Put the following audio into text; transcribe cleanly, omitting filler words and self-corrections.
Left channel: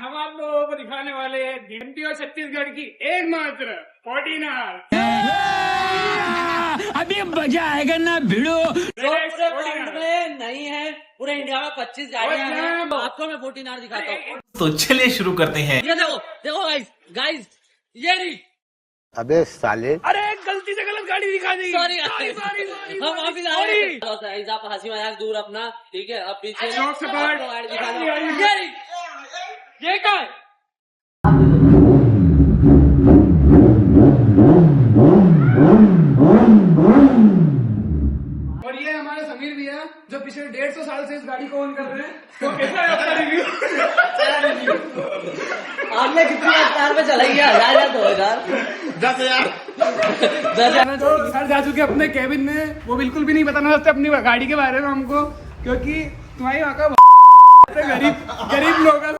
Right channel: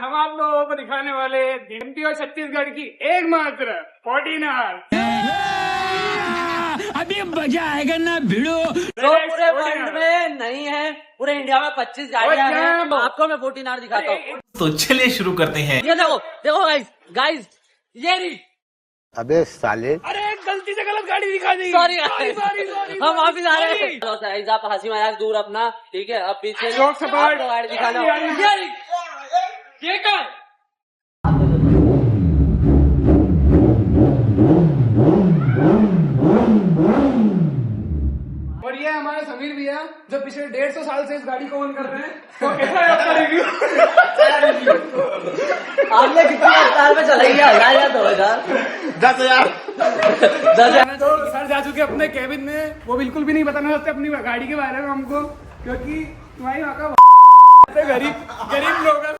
हम आप लोगों को दिखाने वाले एमपी और छत्तीसगढ़ की एकमात्र 14 अभी मजा आएगा ना भिड़ो। जो पूरे वर्ल्ड में नहीं है, पूरे इंडिया में 25 गाड़ियां हैं। आपको मैं 14 आर दिखाता हूँ। तो चलिए शुरू करते हैं। ये देखो देखो गाइस ये नहीं। अबे साले, अरे गलती से गलत गाड़ी दिखा दी। सॉरी हम वापिस आ रहे हैं। आप हंसी मजाक दूर अपना, ठीक है। अब पीछे शौक से पकड़। आपको गाड़ी दिखाना। ये क्या है? और ये हमारे समीर भैया जो पिछले 150 साल से इस गाड़ी को ओन कर रहे हैं। तो कैसा है आपका रिव्यू? आपने कितनी रफ्तार में चलाई है? 1000 या 2000? 10,000। 10,000 तो सर जा चुके अपने केबिन में। वो बिल्कुल भी नहीं बताना चाहते अपनी गाड़ी के बारे में हमको, क्योंकि तुम्हारी गरीब लोग